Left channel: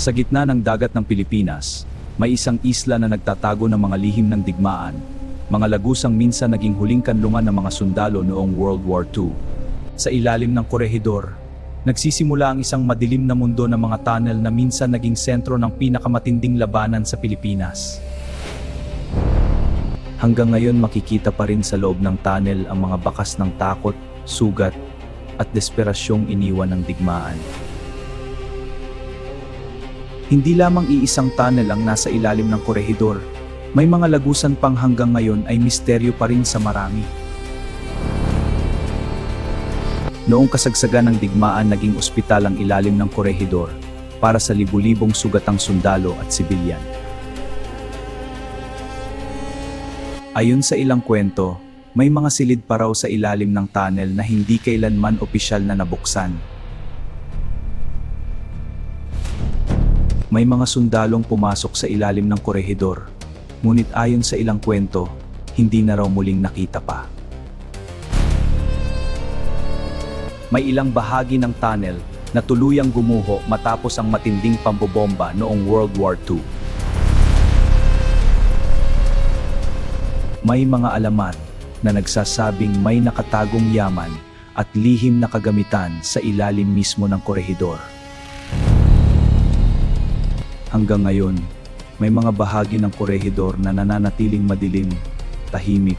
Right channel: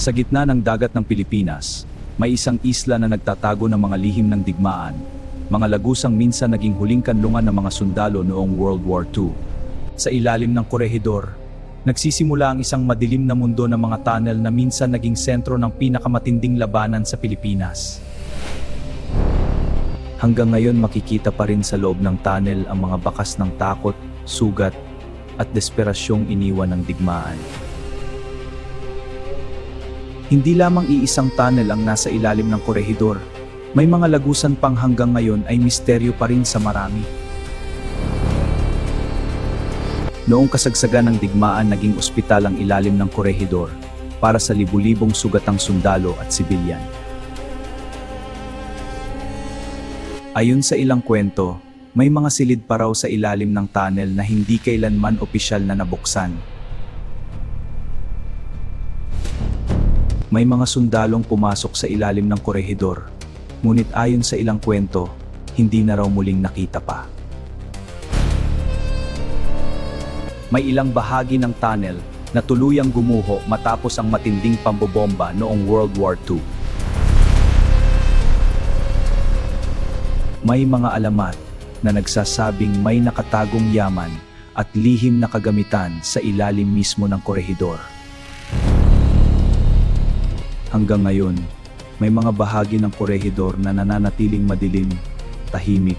Sa gitna ng dagat ng Pilipinas, may isang isla na nagtatago ng mga lihim ng digmaan, mga lagusang minsan naging huling kanlungan ng mga sundalo noong World War II. Sa ilalim ng Corregidor, nagsisimula ang isang madilim na mundo ng mga tunnel na minsan naging sentro ng pinakamatinding labanan sa Pilipinas. Hanggang ngayon makikita pa rin sa loob ng tunnel ang mga bakas ng takot, sugat, at desperasyong iniwan ng digmaan. Hindi lamang iisang tunnel ang nasa ilalim ng Corregidor, may mga lagusan pang hanggang ngayon ay misteryo pa rin sa marami. Noong kasagsagan ng digmaan, naging ospital ang ilalim ng Corregidor para sa libu-libong sugatang sundalo at sibilyan. Ayon sa ilang kwento, may mga silid pa raw sa ilalim ng tunnel na hindi kailanman opisyal na nabuksan. May mga sundalong pumasok sa ilalim ng Corregidor, ngunit ayon sa ilang kwento, hindi na raw muling nakita pa. May ilang bahagi ng tunnel na tuluyang gumuho matapos ang matinding pambobomba noong World War II. May mga alamat na nagsasabing may nakatagong yaman at lihim na kagamitan sa ilalim mismo ng Corregidor. Hanggang ngayon, may mga bahagi ng Corregidor na nananatiling madilim, tahimik,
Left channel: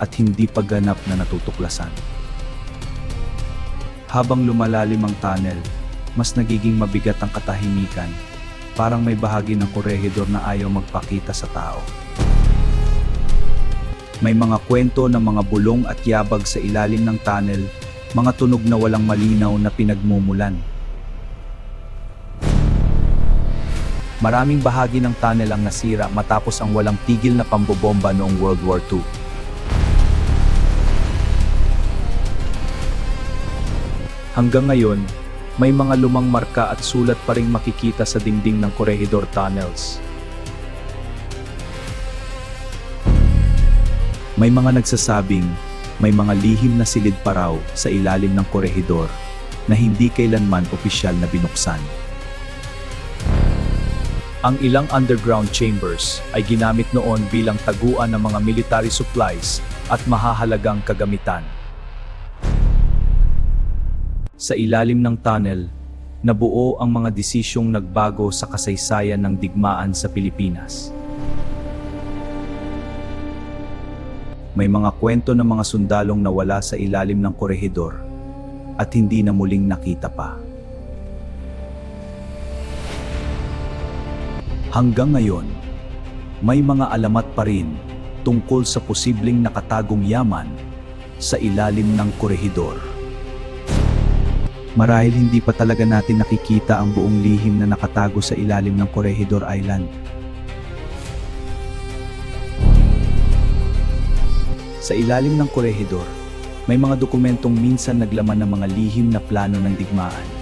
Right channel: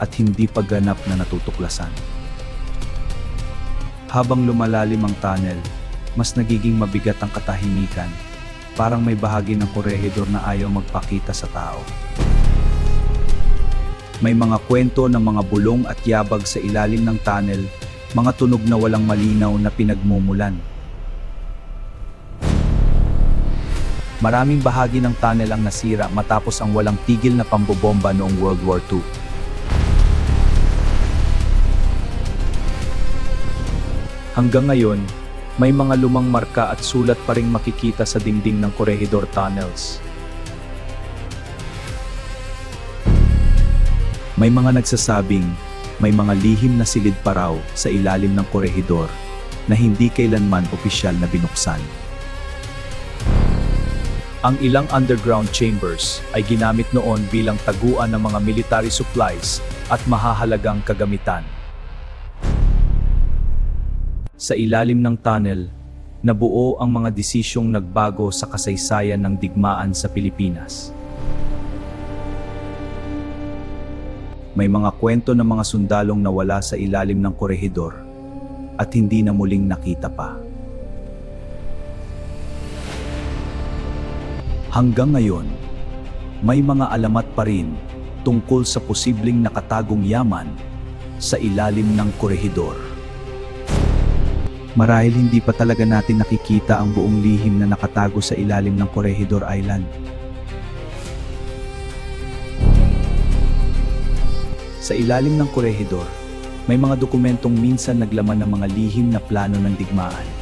at hindi pa ganap na natutuklasan. Habang lumalalim ang tunnel, mas nagiging mabigat ang katahimikan, parang may bahagi ng Corregidor na ayaw magpakita sa tao. May mga kwento ng mga bulong at yabag sa ilalim ng tunnel, mga tunog na walang malinaw na pinagmumulan. Maraming bahagi ng tunnel ang nasira matapos ang walang tigil na pambobomba noong World War II. Hanggang ngayon, may mga lumang marka at sulat pa ring makikita sa dingding ng Corregidor tunnels. May mga nagsasabing may mga lihim na silid pa raw sa ilalim ng Corregidor na hindi kailanman opisyal na binuksan. Ang ilang underground chambers ay ginamit noon bilang taguan ng mga military supplies at mahahalagang kagamitan. Sa ilalim ng tunnel, nabuo ang mga desisyong nagbago sa kasaysayan ng digmaan sa Pilipinas. May mga kwento ng mga sundalong nawala sa ilalim ng Corregidor at hindi na muling nakita pa. Hanggang ngayon, may mga alamat pa rin tungkol sa posibleng nakatagong yaman sa ilalim ng Corregidor. Marahil hindi pa talaga natin nakikita ang buong lihim na nakatago sa ilalim ng Corregidor Island. Sa ilalim ng Corregidor, may mga dokumentong minsan naglaman ng mga lihim na plano ng digmaan.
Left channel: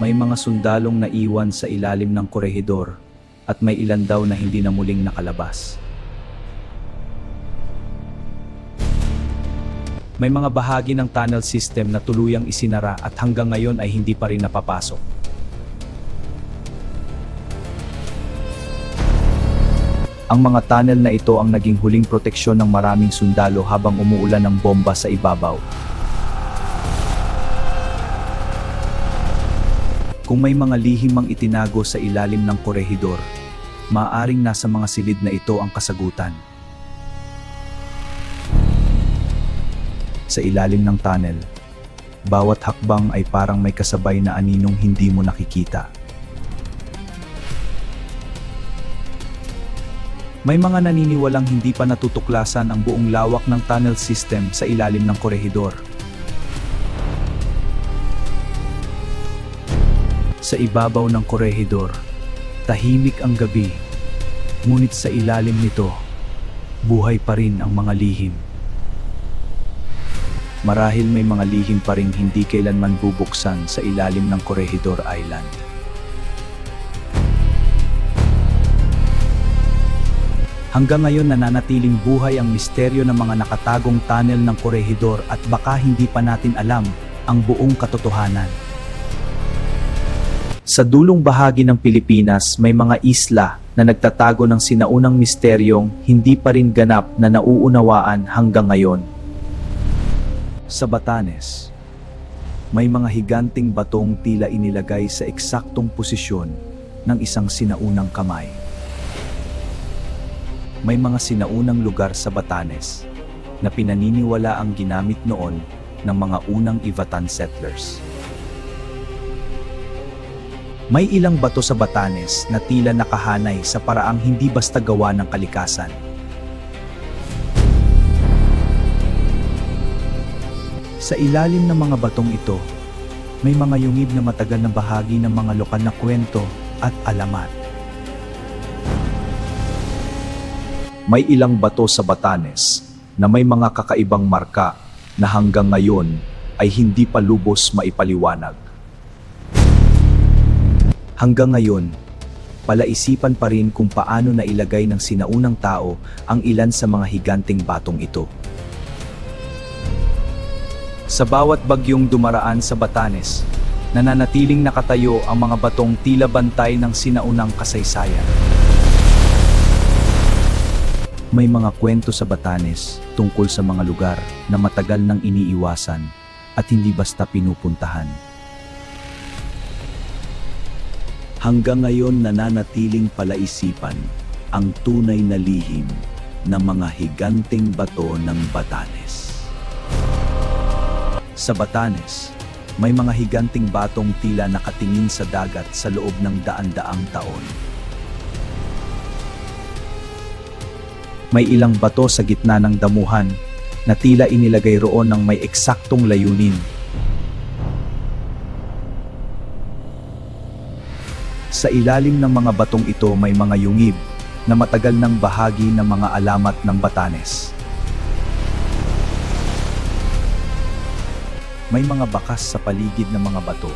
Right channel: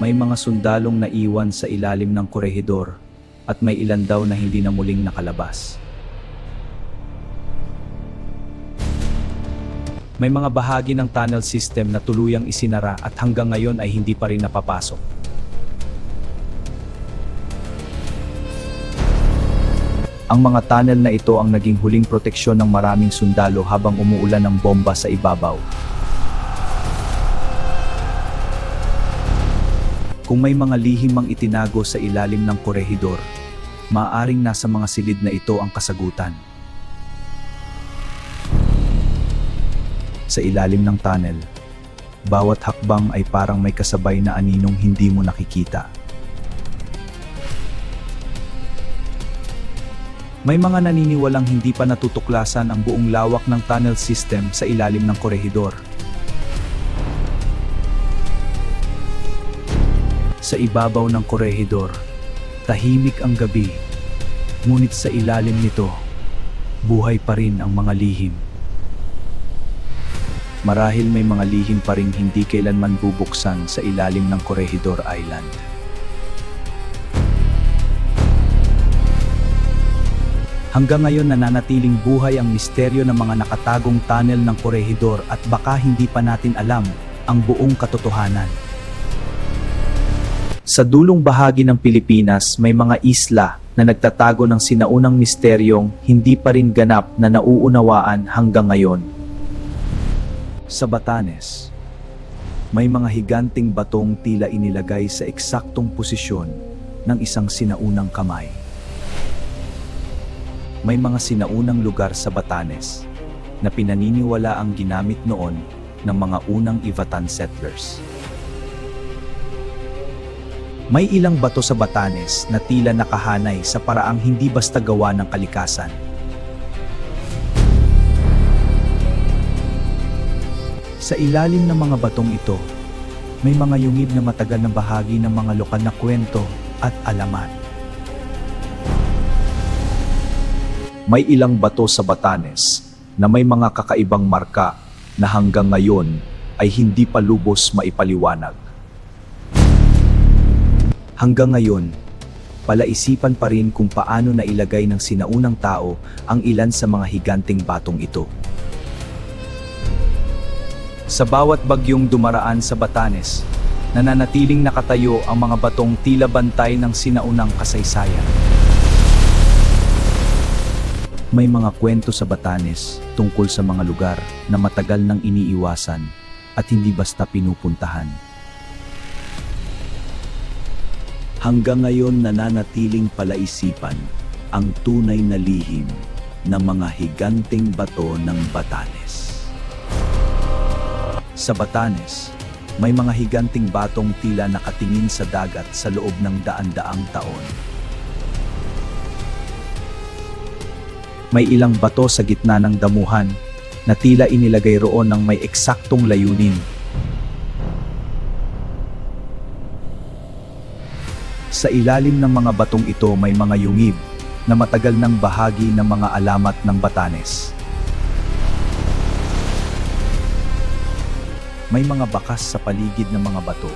May mga sundalong naiwan sa ilalim ng Corregidor at may ilan daw na hindi na muling nakalabas. May mga bahagi ng tunnel system na tuluyang isinara at hanggang ngayon ay hindi pa rin napapasok. Ang mga tunnel na ito ang naging huling proteksyon ng maraming sundalo habang umuulan ng bomba sa ibabaw. Kung may mga lihim ang itinago sa ilalim ng Corregidor, maaaring nasa mga silid na ito ang kasagutan. Sa ilalim ng tunnel, bawat hakbang ay parang may kasabay na aninong hindi mo nakikita. May mga naniniwalang hindi pa natutuklasan ang buong lawak ng tunnel system sa ilalim ng Corregidor. Sa ibabaw ng Corregidor, tahimik ang gabi, ngunit sa ilalim nito, buhay pa rin ang mga lihim. Marahil may mga lihim pa rin hindi kailanman bubuksan sa ilalim ng Corregidor Island. Hanggang ngayon nananatiling buhay ang misteryo ng mga nakatagong tunnel ng Corregidor at baka hindi pa natin alam ang buong katotohanan. Sa dulong bahagi ng Pilipinas, may mga isla na nagtatago ng sinaunang misteryong hindi pa rin ganap na nauunawaan hanggang ngayon. Sa Batanes, may mga higanting batong tila inilagay sa eksaktong posisyon ng isang sinaunang kamay. May mga sinaunang lugar sa Batanes na pinaniniwala ang ginamit noon ng mga unang Ivatan settlers. May ilang bato sa Batanes na tila nakahanay sa paraang hindi basta gawa ng kalikasan. Sa ilalim ng mga batong ito, may mga yungib na matagal na bahagi ng mga lokal na kwento at alamat. May ilang bato sa Batanes na may mga kakaibang marka na hanggang ngayon ay hindi pa lubos maipaliwanag. Hanggang ngayon, palaisipan pa rin kung paano nailagay ng sinaunang tao ang ilan sa mga higanting batong ito. Sa bawat bagyong dumaraan sa Batanes, nananatiling nakatayo ang mga batong tila bantay ng sinaunang kasaysayan. May mga kwento sa Batanes tungkol sa mga lugar na matagal nang iniiwasan at hindi basta pinupuntahan. Hanggang ngayon nananatiling palaisipan ang tunay na lihim ng mga higanting bato ng Batanes. Sa Batanes, may mga higanting batong tila nakatingin sa dagat sa loob ng daan-daang taon. May ilang bato sa gitna ng damuhan na tila inilagay roon ng may eksaktong layunin. Sa ilalim ng mga batong ito may mga yungib na matagal ng bahagi ng mga alamat ng Batanes. May mga bakas sa paligid ng mga bato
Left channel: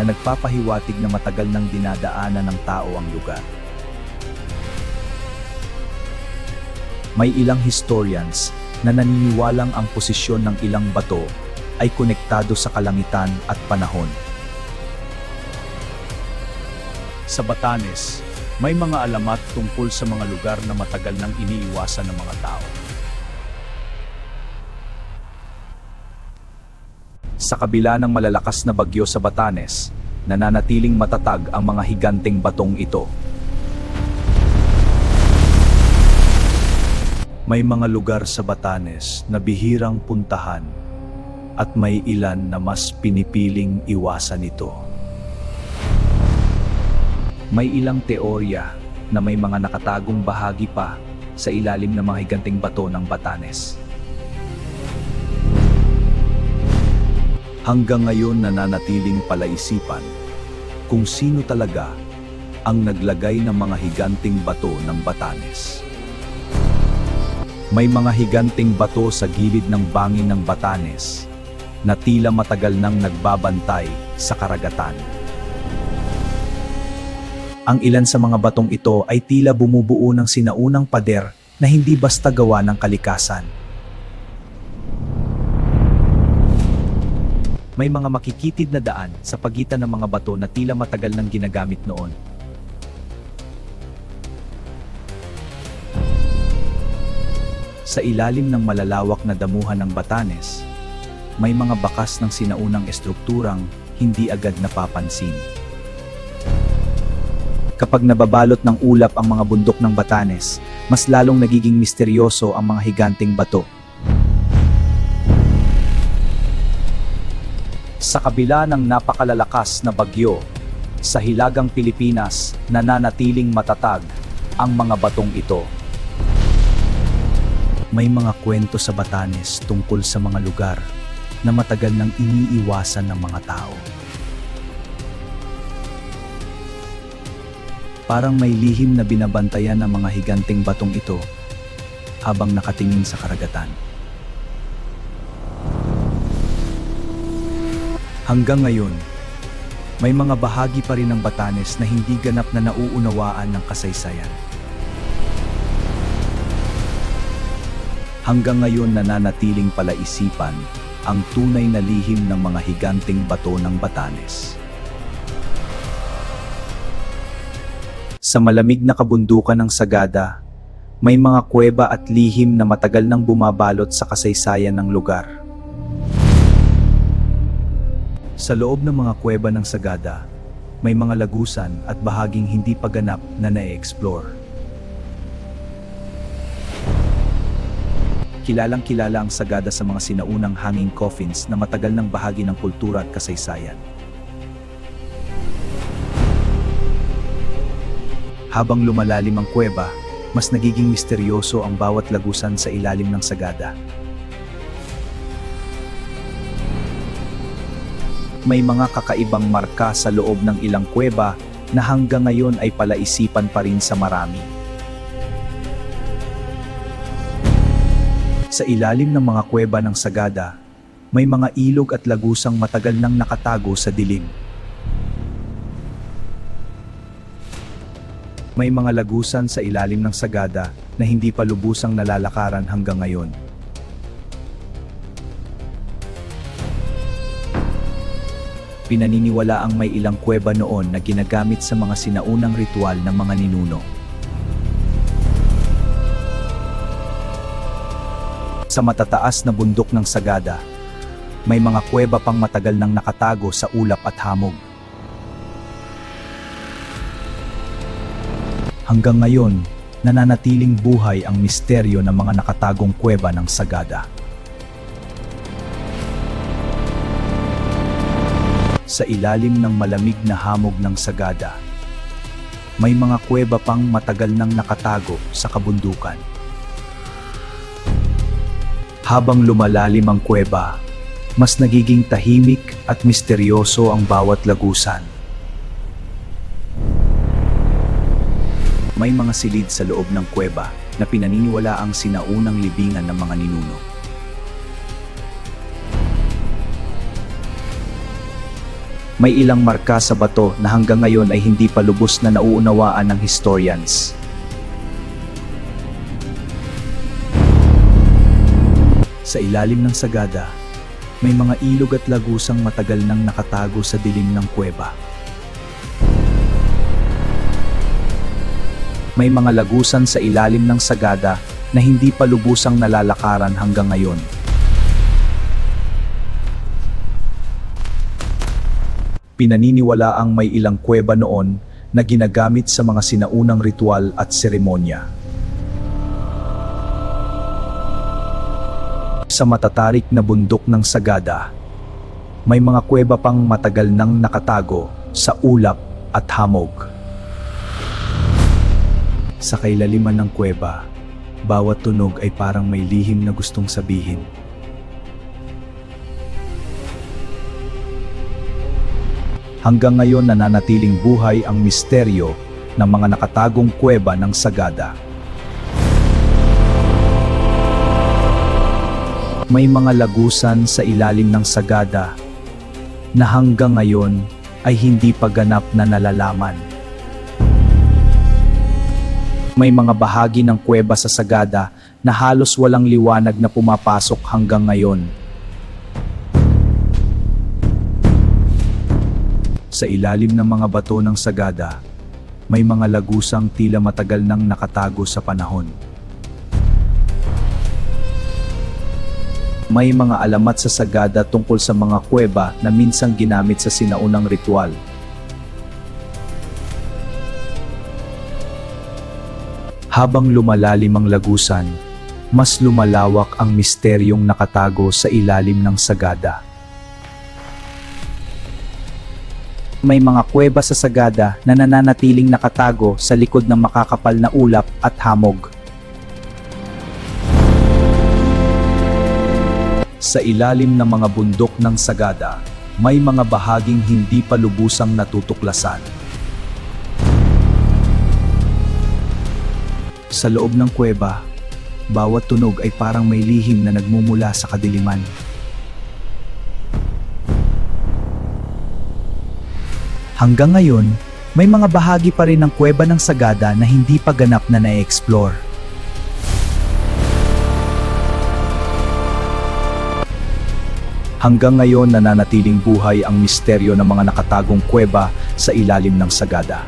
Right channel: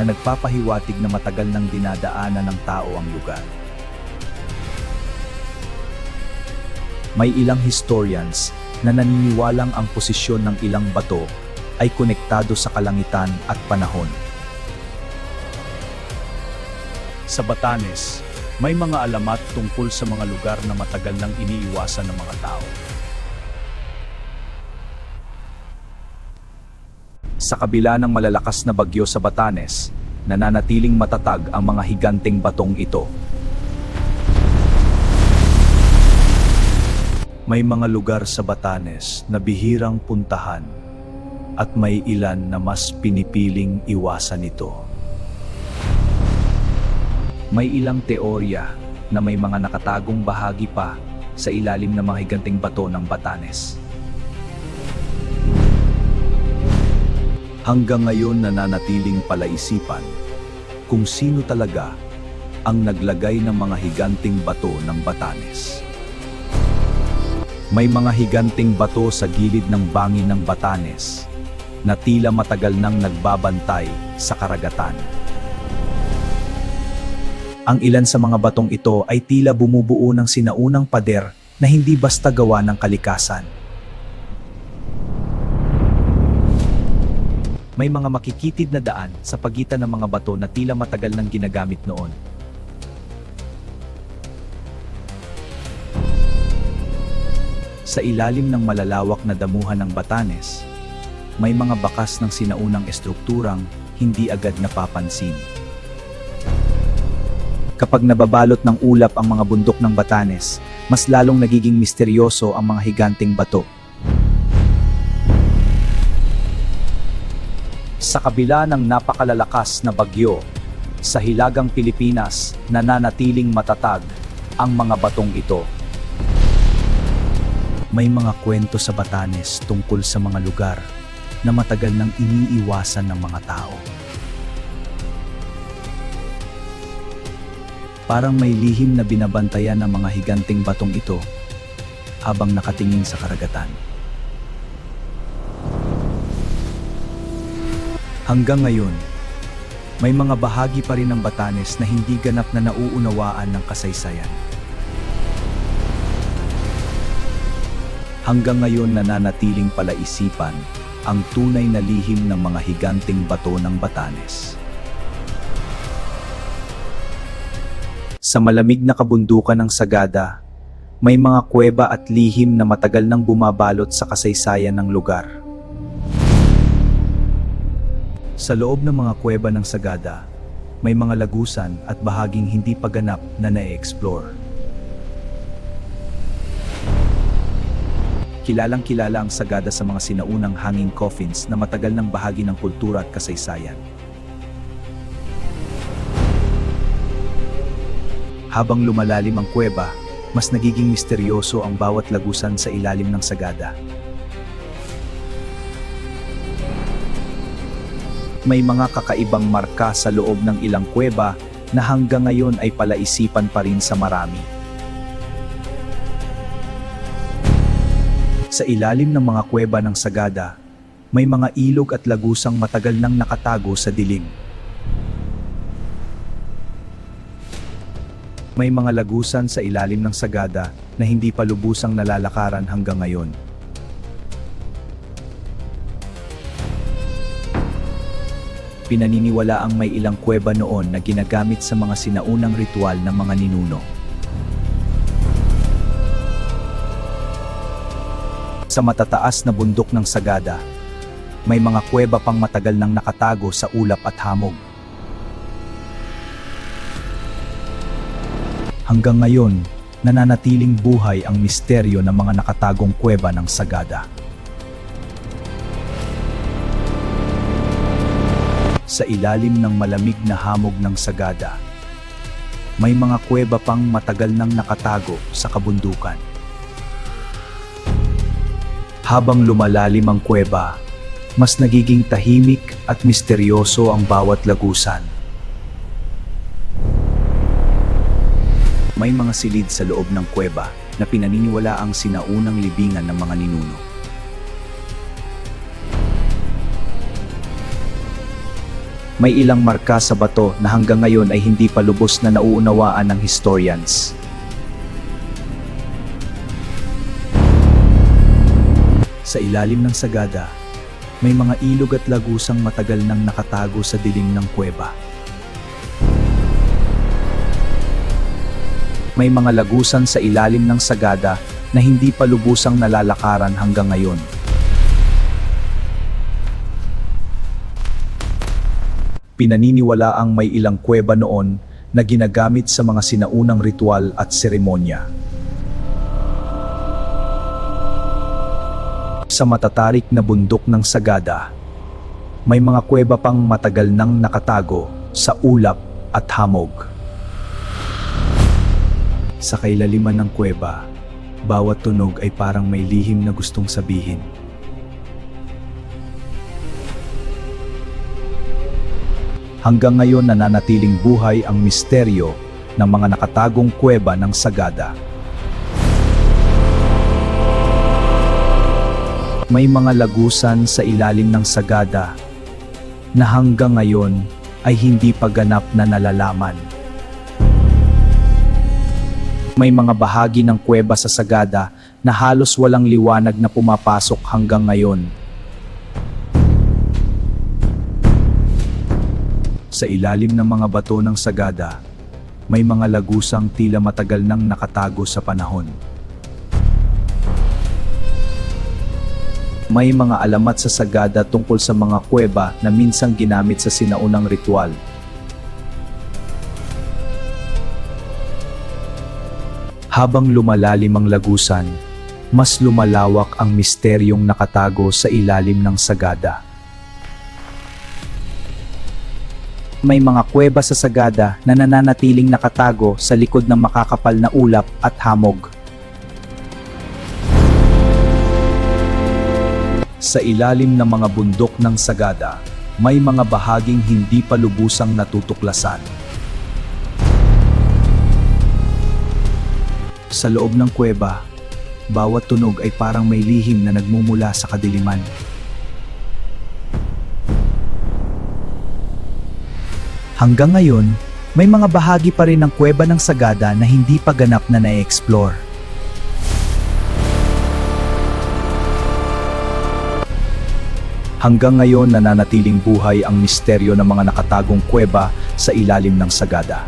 na nagpapahiwatig na matagal nang dinadaanan ng tao ang lugar. May ilang historians na naniniwalang ang posisyon ng ilang bato ay konektado sa kalangitan at panahon. Sa Batanes, may mga alamat tungkol sa mga lugar na matagal nang iniiwasan ng mga tao. Sa kabila ng malalakas na bagyo sa Batanes, nananatiling matatag ang mga higanting batong ito. May mga lugar sa Batanes na bihirang puntahan at may ilan na mas pinipiling iwasan ito. May ilang teorya na may mga nakatagong bahagi pa sa ilalim ng mga higanting bato ng Batanes. Hanggang ngayon nananatiling palaisipan kung sino talaga ang naglagay ng mga higanting bato ng Batanes. May mga higanting bato sa gilid ng bangin ng Batanes na tila matagal nang nagbabantay sa karagatan. Ang ilan sa mga batong ito ay tila bumubuo ng sinaunang pader na hindi basta gawa ng kalikasan. May mga makikitid na daan sa pagitan ng mga bato na tila matagal nang ginagamit noon. Sa ilalim ng malalawak na damuhan ng Batanes, may mga bakas ng sinaunang estrukturang hindi agad napapansin. Kapag nababalot ng ulap ang mga bundok ng Batanes, mas lalong nagiging misteryoso ang mga higanting bato. Sa kabila ng napakalalakas na bagyo, sa hilagang Pilipinas nananatiling matatag ang mga batong ito. May mga kwento sa Batanes tungkol sa mga lugar na matagal nang iniiwasan ng mga tao. Parang may lihim na binabantayan ng mga higanting batong ito habang nakatingin sa karagatan. Hanggang ngayon, may mga bahagi pa rin ng Batanes na hindi ganap na nauunawaan ng kasaysayan. Hanggang ngayon nananatiling palaisipan ang tunay na lihim ng mga higanting bato ng Batanes. Sa malamig na kabundukan ng Sagada, may mga kuweba at lihim na matagal nang bumabalot sa kasaysayan ng lugar. Sa loob ng mga kuweba ng Sagada, may mga lagusan at bahaging hindi pa ganap na na-explore. Kilalang-kilala ang Sagada sa mga sinaunang hanging coffins na matagal ng bahagi ng kultura at kasaysayan. Habang lumalalim ang kuweba, mas nagiging misteryoso ang bawat lagusan sa ilalim ng Sagada. May mga kakaibang marka sa loob ng ilang kuweba na hanggang ngayon ay palaisipan pa rin sa marami. Sa ilalim ng mga kuweba ng Sagada, may mga ilog at lagusang matagal nang nakatago sa dilim. May mga lagusan sa ilalim ng Sagada na hindi pa lubusang nalalakaran hanggang ngayon. Pinaniniwalaang may ilang kuweba noon na ginagamit sa mga sinaunang ritual ng mga ninuno. Sa matataas na bundok ng Sagada, may mga kuweba pang matagal nang nakatago sa ulap at hamog. Hanggang ngayon, nananatiling buhay ang misteryo ng mga nakatagong kuweba ng Sagada. Sa ilalim ng malamig na hamog ng Sagada, may mga kuweba pang matagal nang nakatago sa kabundukan. Habang lumalalim ang kuweba, mas nagiging tahimik at misteryoso ang bawat lagusan. May mga silid sa loob ng kuweba na pinaniniwalaang sinaunang libingan ng mga ninuno. May ilang marka sa bato na hanggang ngayon ay hindi pa lubos na nauunawaan ng historians. Sa ilalim ng Sagada, may mga ilog at lagusang matagal nang nakatago sa dilim ng kuweba. May mga lagusan sa ilalim ng Sagada na hindi pa lubusang nalalakaran hanggang ngayon. Pinaniniwalaang may ilang kuweba noon na ginagamit sa mga sinaunang ritual at seremonya. Sa matatarik na bundok ng Sagada, may mga kuweba pang matagal nang nakatago sa ulap at hamog. Sa kailaliman ng kuweba, bawat tunog ay parang may lihim na gustong sabihin. Hanggang ngayon nananatiling buhay ang misteryo ng mga nakatagong kuweba ng Sagada. May mga lagusan sa ilalim ng Sagada na hanggang ngayon ay hindi pa ganap na nalalaman. May mga bahagi ng kuweba sa Sagada na halos walang liwanag na pumapasok hanggang ngayon. Sa ilalim ng mga bato ng Sagada, may mga lagusang tila matagal nang nakatago sa panahon. May mga alamat sa Sagada tungkol sa mga kuweba na minsang ginamit sa sinaunang ritual. Habang lumalalim ang lagusan, mas lumalawak ang misteryong nakatago sa ilalim ng Sagada. May mga kuweba sa Sagada na nananatiling nakatago sa likod ng makakapal na ulap at hamog. Sa ilalim ng mga bundok ng Sagada, may mga bahaging hindi pa lubusang natutuklasan. Sa loob ng kuweba, bawat tunog ay parang may lihim na nagmumula sa kadiliman. Hanggang ngayon, may mga bahagi pa rin ng kuweba ng Sagada na hindi pa ganap na na-explore. Hanggang ngayon nananatiling buhay ang misteryo ng mga nakatagong kuweba sa ilalim ng Sagada.